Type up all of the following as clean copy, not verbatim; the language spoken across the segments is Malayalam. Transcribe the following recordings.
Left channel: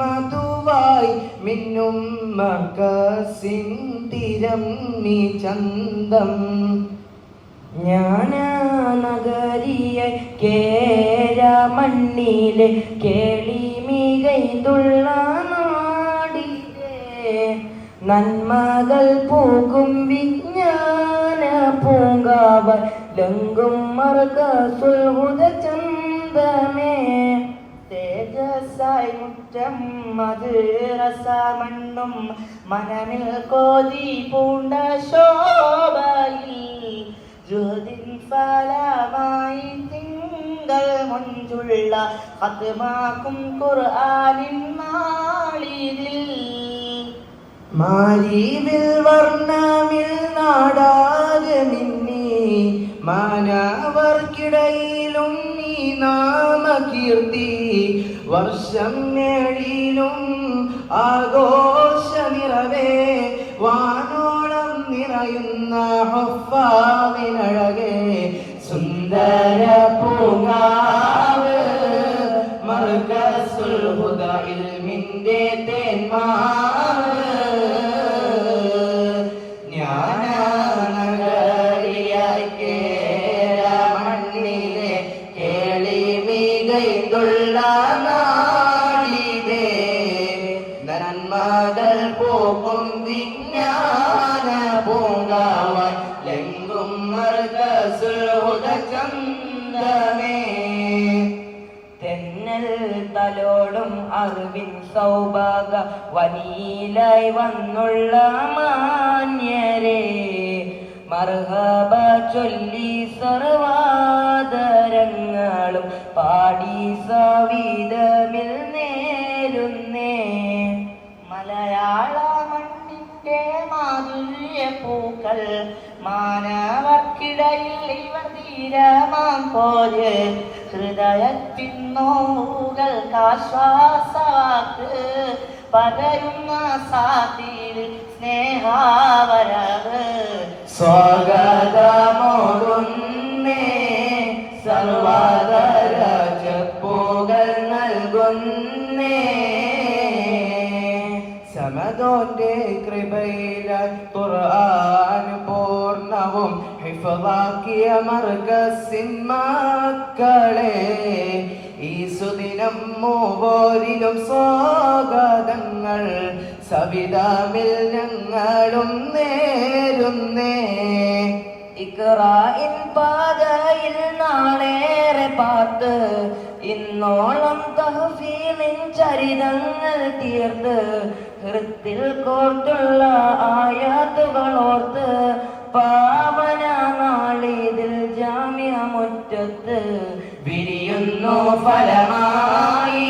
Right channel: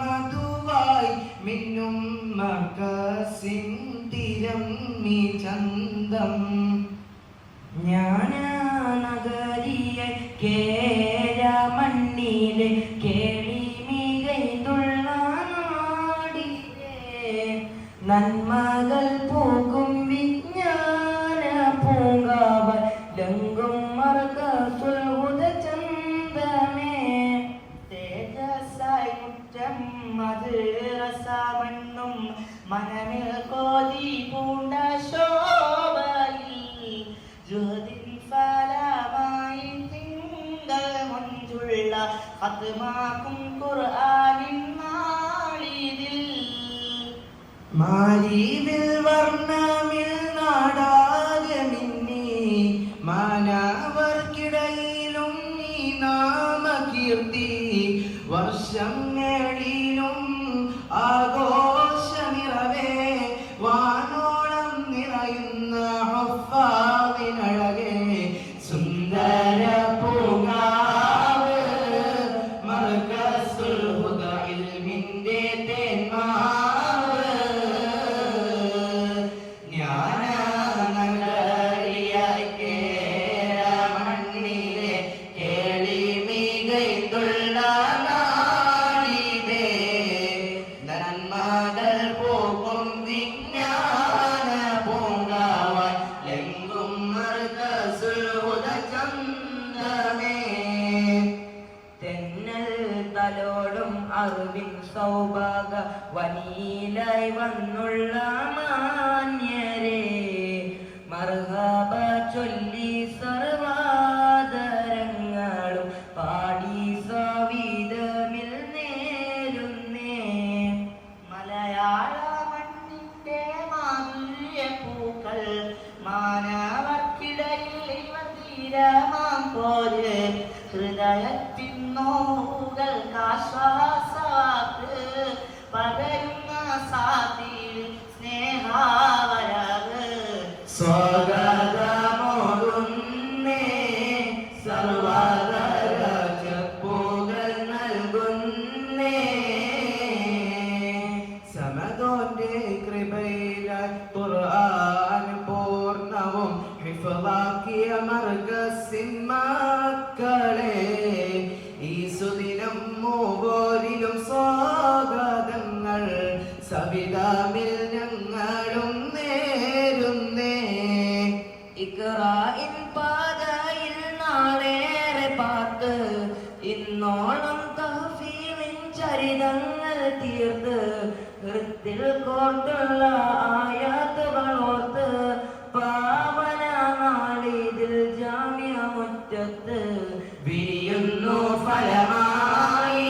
മധുവായി മിന്നും മർക്കസിൻ തിരം നീ ചന്തം ജ്ഞാനനഗരിയ കേരമണ്ണിലെ കേളി മികൈതുള്ള നാടിലെ നന്മകൾ പോകും വിജ്ഞാന പൂങ്കാവൽ ലങ്കും മർകസുൽ ഹുദ ചന്തമേ തേജസ്സായി മുറ്റം മദ്രസ മണ്ണും മനമിൽ കോതി പൂണ്ട ശോഭയിൽ ജുഹദിൻ ഫലമായി തിങ്കൾ മുഞ്ചുള്ള ഖത്മാക്കും ഖുർആനിൻ നാളിതിൽ മാരീവിൽ വർണ്ണമിൽ നാടാകെ മിന്നി മാനവർക്കിടയിലും നീ നാമകീർത്തി വർഷം നേടിലും ആഘോഷനിറവേ വാനോളം നിറയുന്ന ഹുഫാദിനഴകേ സുന്ദര പൂങ്കാവ് മർകസുൽ ഹുദ ഇൽമിന്റെ തേന്മാവ് ജ്ഞാനനഗരിയായി കേരമണ്ണിലെ കേളി മികൈതുള്ള നാടിലെ നന്മകൾ പോകും വിജ്ഞാന പൂങ്കാവൻ ലെങ്കും മർകസുൽ ഹുദ ചന്തമേ തെന്നൽ തലോടും അറിവിൻ സൗഭാഗ വനിയിലായി വന്നുള്ള മാന്യരെ മർഹബ ചൊല്ലി സർവാദരങ്ങളും പാടി സവിധമിൽ നേരുന്നേ മലയാള മണ്ണിന്റെ മാധുര്യ പൂക്കൾ മാനവർക്കിടയിൽ ഇവർ തീരമാം പോലെ ഹൃദയത്തിൻ നോവുകൾക്കാശ്വാസവാക്ക് പകരുന്ന സാത്തിൽ സ്നേഹാവരവ് സ്വാഗതമോടുന്നേ സർവദര ചെപ്പുകൾ നൽകുന്നേ സമദോന്റെ കൃപയിലായി ഖുർആൻ പൂർണ്ണവും ഹിഫ്ളാക്കിയ മർകസിൻ മക്കളെ ഈ സുദിനം മൂവോരിലും സ്വാഗതങ്ങൾ സവിധമിൽ ഞങ്ങളും നേരുന്നേ ഇഖ്റാഇൻ പാതയിൽ നാളേറെ പാത്ത് ഇന്നോളം തഹ്ഫീലിൻ ചരിതങ്ങൾ തീർത്ത് ഹൃത്തിൽ കോർത്തുള്ള ആയാത്തുകൾ ഓർത്ത് പാവന നാളിതിൽ ജാമ്യ മുറ്റത്ത് വിരിയുന്നു ഫലമായി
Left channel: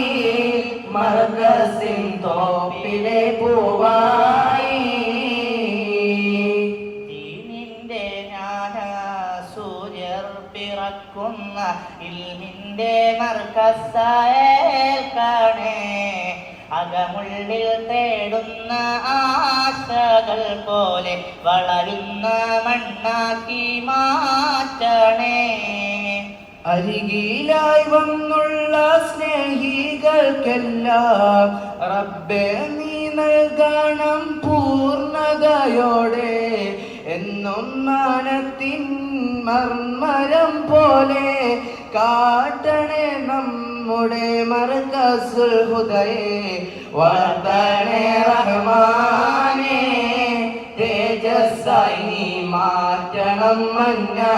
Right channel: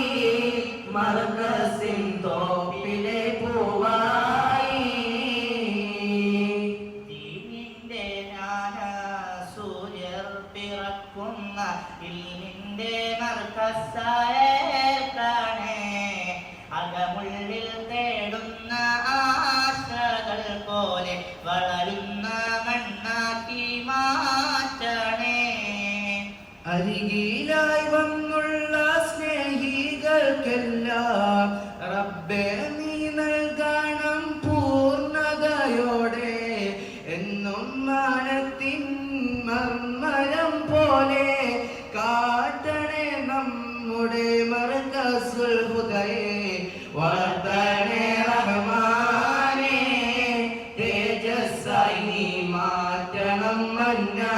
മർകസിൻ തോപ്പിലെ പൂവായി ദീനിന്റെ ജ്ഞാന സൂര്യർ പിറക്കുന്ന ഇൽമിന്റെ മർകസായേൽക്കണേ അകമുള്ളിൽ തേടുന്ന ആശകൾ പോലെ വളരുന്ന മണ്ണാക്കി മാറ്റണേ അരികിലായി വന്നുള്ള സ്നേഹികൾക്കെല്ലാം റബ്ബേ നീ നൽകണം പൂർണ്ണതയോടെ എന്നും മാനത്തിൻ മർമരം പോലെ കാട്ടണേ നമ്മുടെ മർകസുൽ ഹുദയെ വളർത്തണേ റഹ്മാനേ തേജസ്സായി നീ മാറ്റണം മന്നാ